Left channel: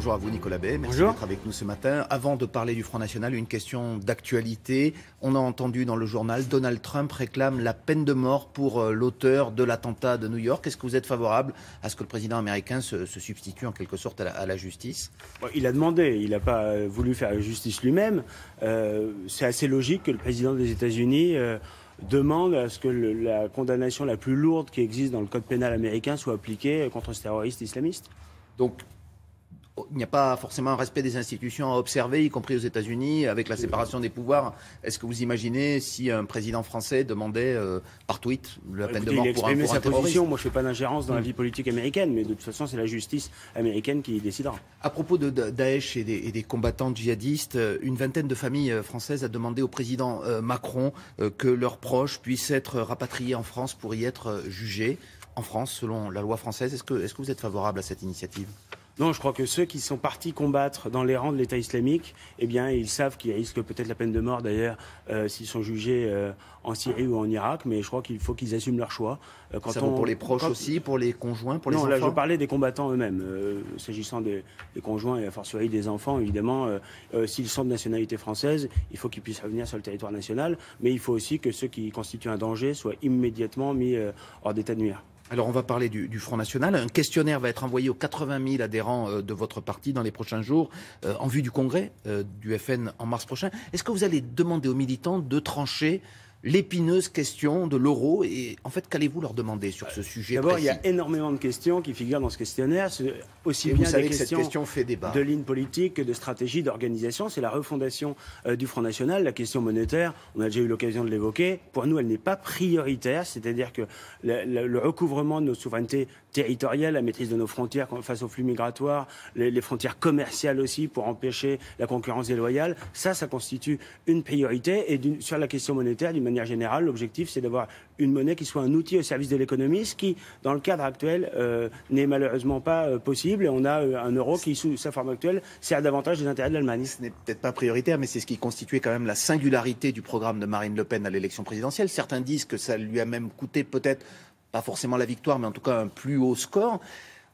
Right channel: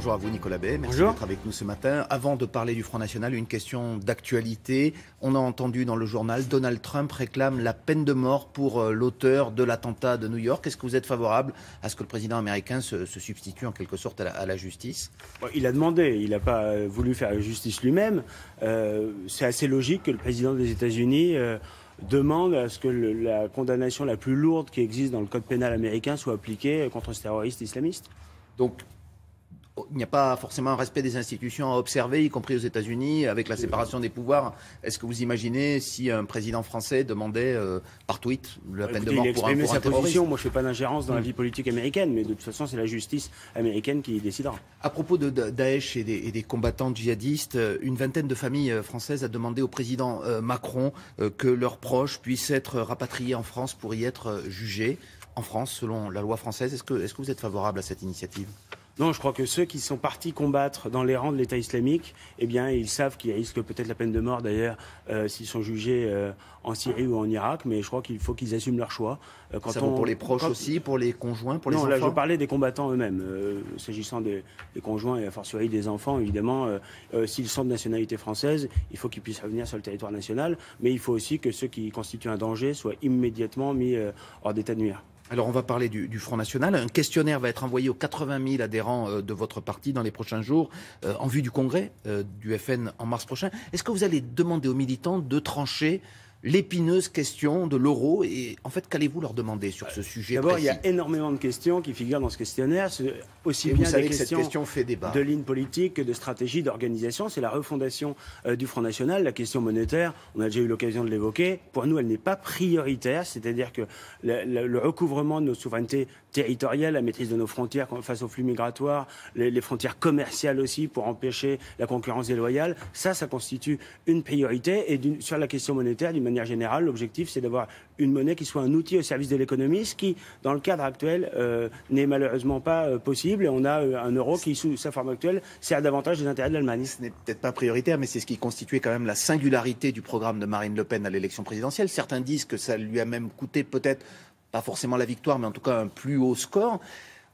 Bonjour à vous Nicolas Bay, merci d'être avec nous ce matin. Avant de parler du Front National, une question d'actualité. On a entendu dans le journal, Donald Trump réclame la peine de mort pour l'auteur de l'attentat de New York. Est-ce que vous êtes favorable à ce que le président américain se substitue en quelque sorte à la justice? Il a demandé, il n'a pas voulu faire la justice lui-même. C'est assez logique que le président des États-Unis demande à ce que la condamnation la plus lourde qui existe dans le code pénal américain soit appliquée contre ce terroriste islamiste. Donc, il n'y a pas forcément un respect des institutions à observer, y compris aux États-Unis, avec la séparation des pouvoirs. Est-ce que vous imaginez si un président français demandait par tweet la peine de mort pour un terroriste? Position. Moi, je ne fais pas d'ingérence dans la vie politique américaine, mais de toute façon, c'est la justice américaine qui décidera. À propos de Daesh et des combattants djihadistes, une vingtaine de familles françaises a demandé au président Macron que leurs proches puissent être rapatriés en France pour y être jugés en France, selon la loi française. Est-ce que vous êtes favorable à cette initiative? Non, je crois que ceux qui sont partis combattre dans les rangs de l'État islamique, eh bien, ils savent qu'ils risquent peut-être la peine de mort, d'ailleurs, s'ils sont jugés en Syrie ou en Irak, mais je crois qu'il faut qu'ils assument leur choix. Ça vaut pour les proches aussi, pour les conjoints, pour les enfants? Non, là, je parlais des combattants eux-mêmes. S'agissant des conjoints et a fortiori des enfants, évidemment, s'ils sont de nationalité française, il faut qu'ils puissent revenir sur le territoire national, mais il faut aussi que ceux qui constituent un danger soient immédiatement mis hors d'état de nuire. Alors on va parler du Front National. Un questionnaire va être envoyé aux 80 000 adhérents de votre parti dans les prochains jours en vue du congrès du FN en mars prochain. Est-ce que vous allez demander aux militants de trancher l'épineuse question de l'euro et en fait qu'allez-vous leur demander sur ce sujet? D'abord, il y a énormément de questions qui figurent dans ce questionnaire, aussi bien des questions fait débat. De ligne politique que de stratégie, d'organisation. C'est la refondation du Front National. La question monétaire, on a déjà eu l'occasion de l'évoquer, pour nous elle n'est pas prioritaire, c'est-à-dire que le recouvrement de nos souverainetés territoriales, la maîtrise de nos frontières face aux flux migratoires, les frontières commerciales aussi pour empêcher la concurrence déloyale, ça constitue une priorité. Et sur la question monétaire, d'une manière générale, l'objectif c'est d'avoir une monnaie qui soit un outil au service de l'économie, ce qui, dans le cadre actuel, n'est malheureusement pas possible. Et on a un euro qui, sous sa forme actuelle, sert davantage des intérêts de l'Allemagne. Ce n'est peut-être pas prioritaire, mais c'est ce qui constituait quand même la singularité du programme de Marine Le Pen à l'élection présidentielle. Certains disent que ça lui a même coûté peut-être, pas forcément la victoire, mais en tout cas un plus haut score.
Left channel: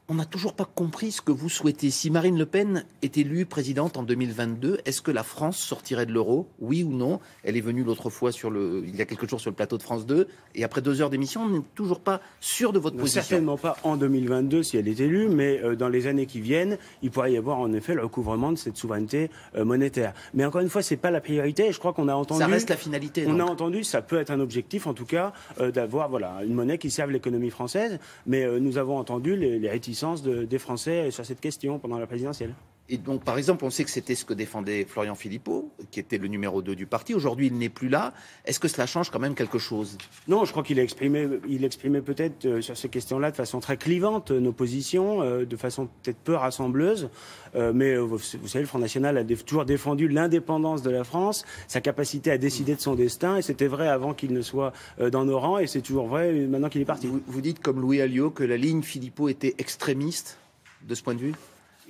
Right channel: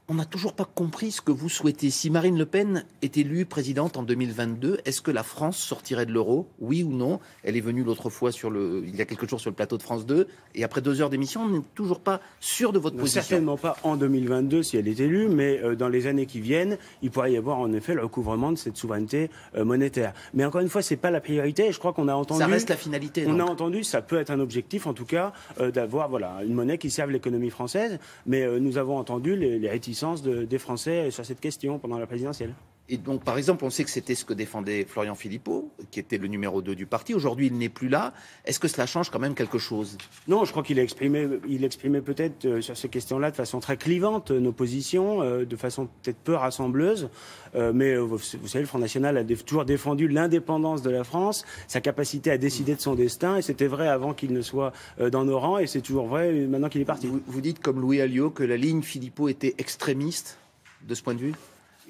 On n'a toujours pas compris ce que vous souhaitez. Si Marine Le Pen est élue présidente en 2022, est-ce que la France sortirait de l'euro? Oui ou non? Elle est venue l'autre fois il y a quelques jours sur le plateau de France 2. Et après 2 heures d'émission, on n'est toujours pas sûr de votre position. Certainement pas en 2022 si elle est élue, mais dans les années qui viennent, il pourrait y avoir en effet le recouvrement de cette souveraineté monétaire. Mais encore une fois, c'est pas la priorité. Je crois qu'on a entendu. Ça reste la finalité. On a entendu, ça peut être un objectif en tout cas, d'avoir une monnaie qui serve l'économie française. Mais nous avons entendu les réticences des Français sur cette question pendant la présidentielle. Et donc, par exemple, on sait que c'était ce que défendait Florian Philippot, qui était le numéro 2 du parti. Aujourd'hui, il n'est plus là. Est-ce que cela change quand même quelque chose? Non, je crois qu'il exprimait peut-être sur ces questions-là de façon très clivante nos positions, de façon peut-être peu rassembleuse. Mais vous savez, le Front National a toujours défendu l'indépendance de la France, sa capacité à décider de son destin. Et c'était vrai avant qu'il ne soit dans nos rangs, et c'est toujours vrai maintenant qu'il est parti. Vous dites, comme Louis Alliot, que la ligne Philippot était extrémiste de ce point de vue?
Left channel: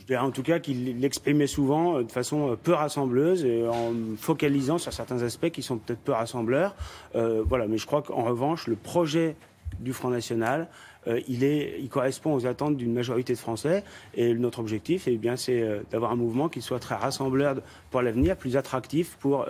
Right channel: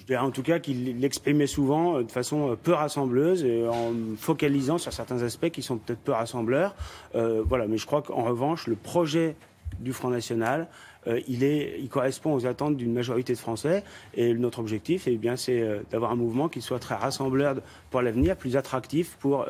En tout cas, qu'il l'exprimait souvent de façon peu rassembleuse, et en focalisant sur certains aspects qui sont peut-être peu rassembleurs. Voilà, mais je crois qu'en revanche, le projet du Front National, il correspond aux attentes d'une majorité de Français. Et notre objectif, c'est d'avoir un mouvement qui soit très rassembleur pour l'avenir, plus attractif pour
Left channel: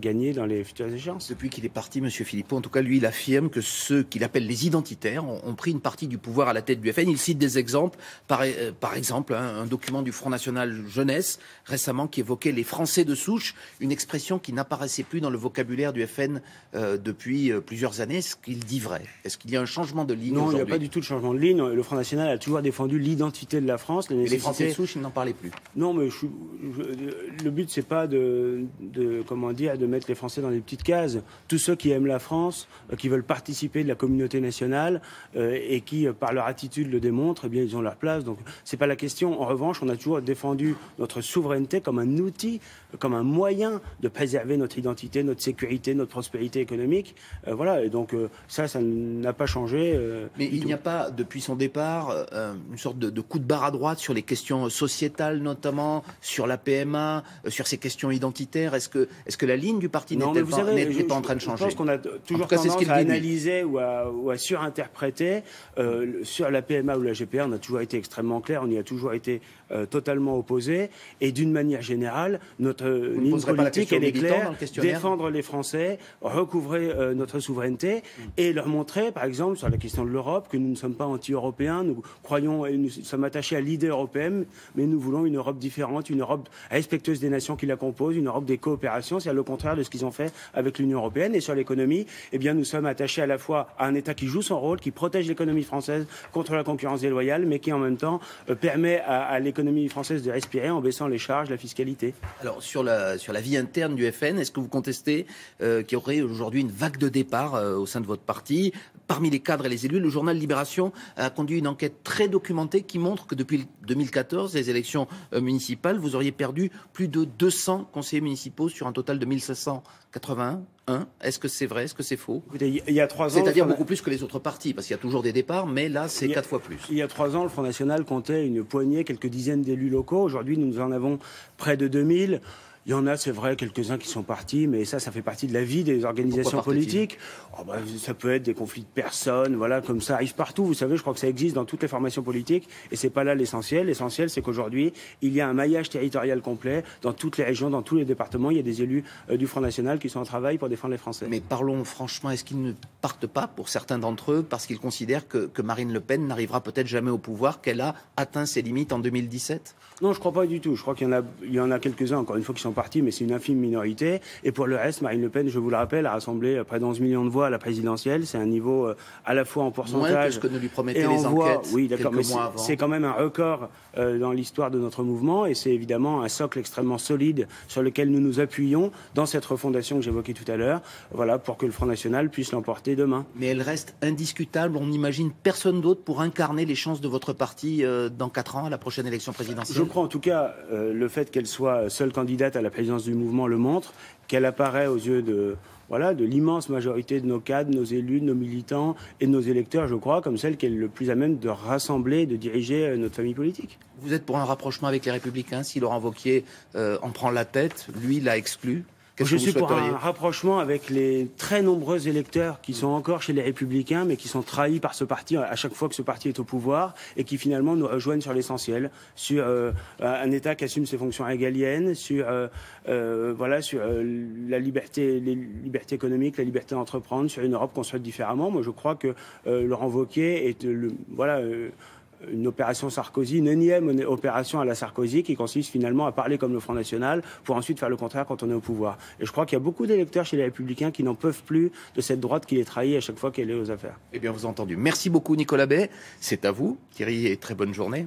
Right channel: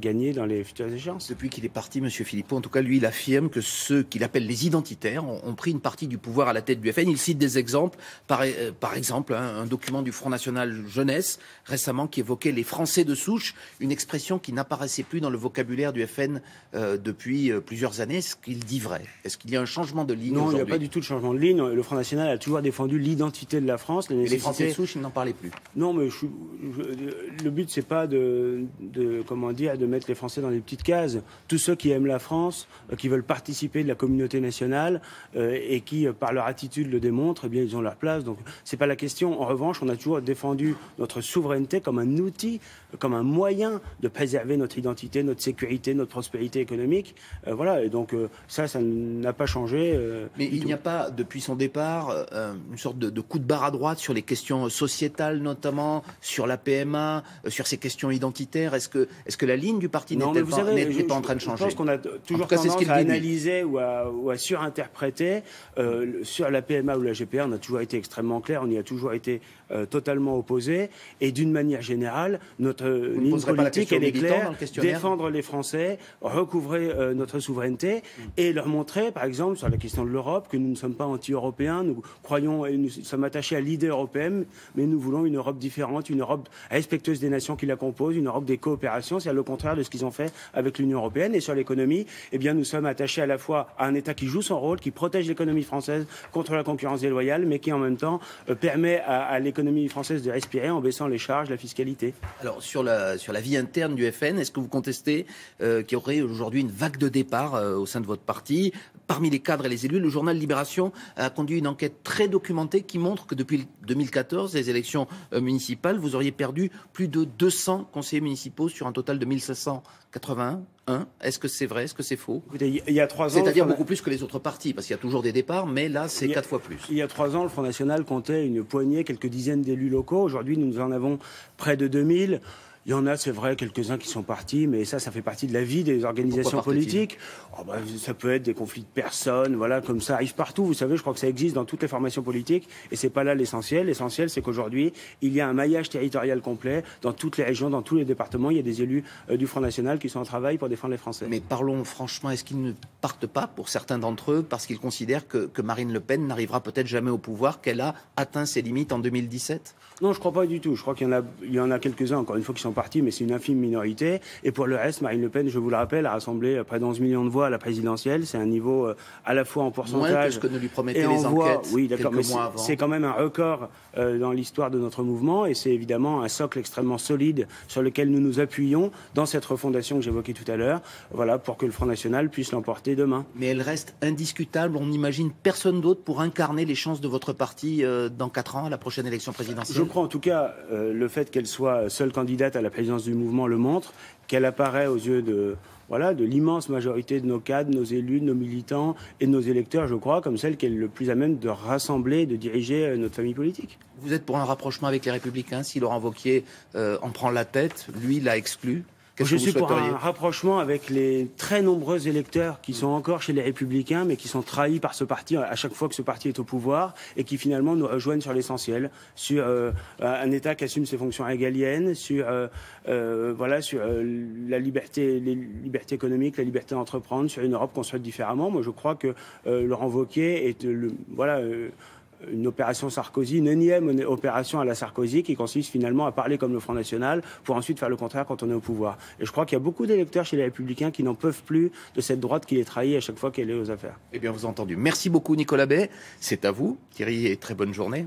gagner dans les futures échéances. Depuis qu'il est parti, M. Philippot, en tout cas, lui, il affirme que ceux qu'il appelle les identitaires ont pris une partie du pouvoir à la tête du FN. Il cite des exemples. Par exemple, un document du Front National Jeunesse, récemment, qui évoquait les Français de souche, une expression qui n'apparaissait plus dans le vocabulaire du FN depuis plusieurs années. Est-ce qu'il dit vrai? Est-ce qu'il y a un changement de ligne aujourd'hui? Il n'y a pas du tout de changement de ligne. Le Front National a toujours défendu l'identité de la France. Et les Français de souche, ils n'en parlaient plus. Non, mais le but, c'est pas de mettre les Français dans des petites cases. Tous ceux qui aiment la France, qui veulent participer de la communauté nationale et qui, par leur attitude, le démontrent, eh bien, ils ont leur place. Donc, c'est pas la question. En revanche, on a toujours défendu notre souveraineté comme un outil, comme un moyen de préserver notre identité, notre sécurité, notre prospérité économique. Voilà. Et donc, ça n'a pas changé. Mais Il n'y a pas, depuis son départ, une sorte de coup de barre à droite sur les questions sociétales notamment, sur la PMA, sur ces questions identitaires. Est-ce que la ligne du parti n'est pas en train de changer? Je pense qu'on a toujours tendance à analyser ou à surinterpréter. Sur la PMA ou la GPA, on a toujours été extrêmement clair, on y a toujours été totalement opposé. Et d'une manière générale, notre ligne politique, elle est claire, défendre les Français, recouvrer notre souveraineté et leur montrer, par exemple, sur la question de l'Europe, que nous ne sommes pas anti-européens, nous croyons et nous sommes attachés à l'idée européenne, mais nous voulons une Europe différente, une Europe respectueuse des nations qui la composent, une Europe des coopérations, c'est le contraire de ce qu'ils ont fait avec l'Union européenne. Et sur l'économie, eh bien, nous sommes attachés à la fois à un État qui joue son rôle, qui protège l'économie française contre la concurrence déloyale, mais qui en même temps permet à l'économie française de respirer en baissant les charges, la fiscalité. Alors, sur la vie interne du FN, est-ce que vous contestez qu'il y aurait aujourd'hui une vague de départ au sein de votre parti? Parmi les cadres et les élus, le journal Libération a conduit une enquête très documentée qui montre que depuis 2014, les élections municipales, vous auriez perdu plus de 200 conseillers municipaux sur un total de 1581. Est-ce que c'est vrai? Est-ce que c'est faux? Écoutez, il y a 3 ans... C'est-à-dire beaucoup plus que les autres partis, parce qu'il y a toujours des départs, mais là, c'est 4 fois plus. Il y a 3 ans, le Front National comptait une poignée, quelques dizaines d'élus locaux. Aujourd'hui, nous en avons près de 2000. Il y en a, c'est vrai, quelques-uns qui sont partis, mais ça fait partie de la vie des organisations politiques. Ça peut être des conflits de personnes, voilà, comme ça arrive partout. Vous savez, je crois que ça existe dans toutes les formations politiques, et c'est pas là l'essentiel. L'essentiel, c'est qu'aujourd'hui, il y a un maillage territorial complet dans toutes les régions, dans tous les départements. Il y a des élus du Front National qui sont en travail pour défendre les Français. Mais parlons franchement, est-ce qu'ils ne partent pas, pour certains d'entre eux, parce qu'ils considèrent que Marine Le Pen n'arrivera peut-être jamais au pouvoir, qu'elle a atteint ses limites en 2017? Non, je crois pas du tout. Je crois qu'il y en a quelques-uns, encore une fois, qui sont partis, mais c'est une infime minorité. Et pour le reste, Marine Le Pen, je vous le rappelle, a rassemblé près de 11 millions de voix à la présidentielle. C'est un niveau à la fois en pourcentage moins que ce que ne lui promettaient et les en voix. enquêtes. Oui, d'accord, mais c'est quand même un record dans l'histoire de notre mouvement, et c'est évidemment un socle extrêmement solide sur lequel nous nous appuyons dans cette refondation que j'évoquais tout à l'heure, voilà, pour que le Front National puisse l'emporter demain. Mais elle reste indiscutable. On n'imagine personne d'autre pour incarner les chances de votre parti dans 4 ans à la prochaine élection présidentielle. Je crois en tout cas le fait qu'elle soit seule candidate à la présidence du mouvement le montre, qu'elle apparaît aux yeux de l'immense majorité de nos cadres, de nos élus, de nos militants et de nos électeurs, je crois, comme celle qui est le plus à même de rassembler et de diriger notre famille politique. Vous êtes pour un rapprochement avec les Républicains? Si Laurent Wauquiez en prend la tête, lui l'a exclu. Je suis pour un rapprochement avec les très nombreux électeurs qui sont encore chez les Républicains, mais qui sont trahis par ce parti à chaque fois que ce parti est au pouvoir, et qui finalement nous rejoignent sur l'essentiel, sur un État qui assume ses fonctions régaliennes, sur la liberté, les libertés économiques, la liberté d'entreprendre, sur une Europe construite différemment. Moi, je crois que Laurent Wauquiez est une opération Sarkozy, une énième opération à la Sarkozy qui consiste finalement à parler comme le Front National pour ensuite faire le contraire quand on est au pouvoir. Et je crois qu'il y a beaucoup d'électeurs chez les Républicains qui n'en peuvent plus de cette droite qui les trahit à chaque fois qu'elle est aux affaires. Eh bien, vous avez entendu. Merci beaucoup, Nicolas Bay. C'est à vous, Thierry, et très bonne journée.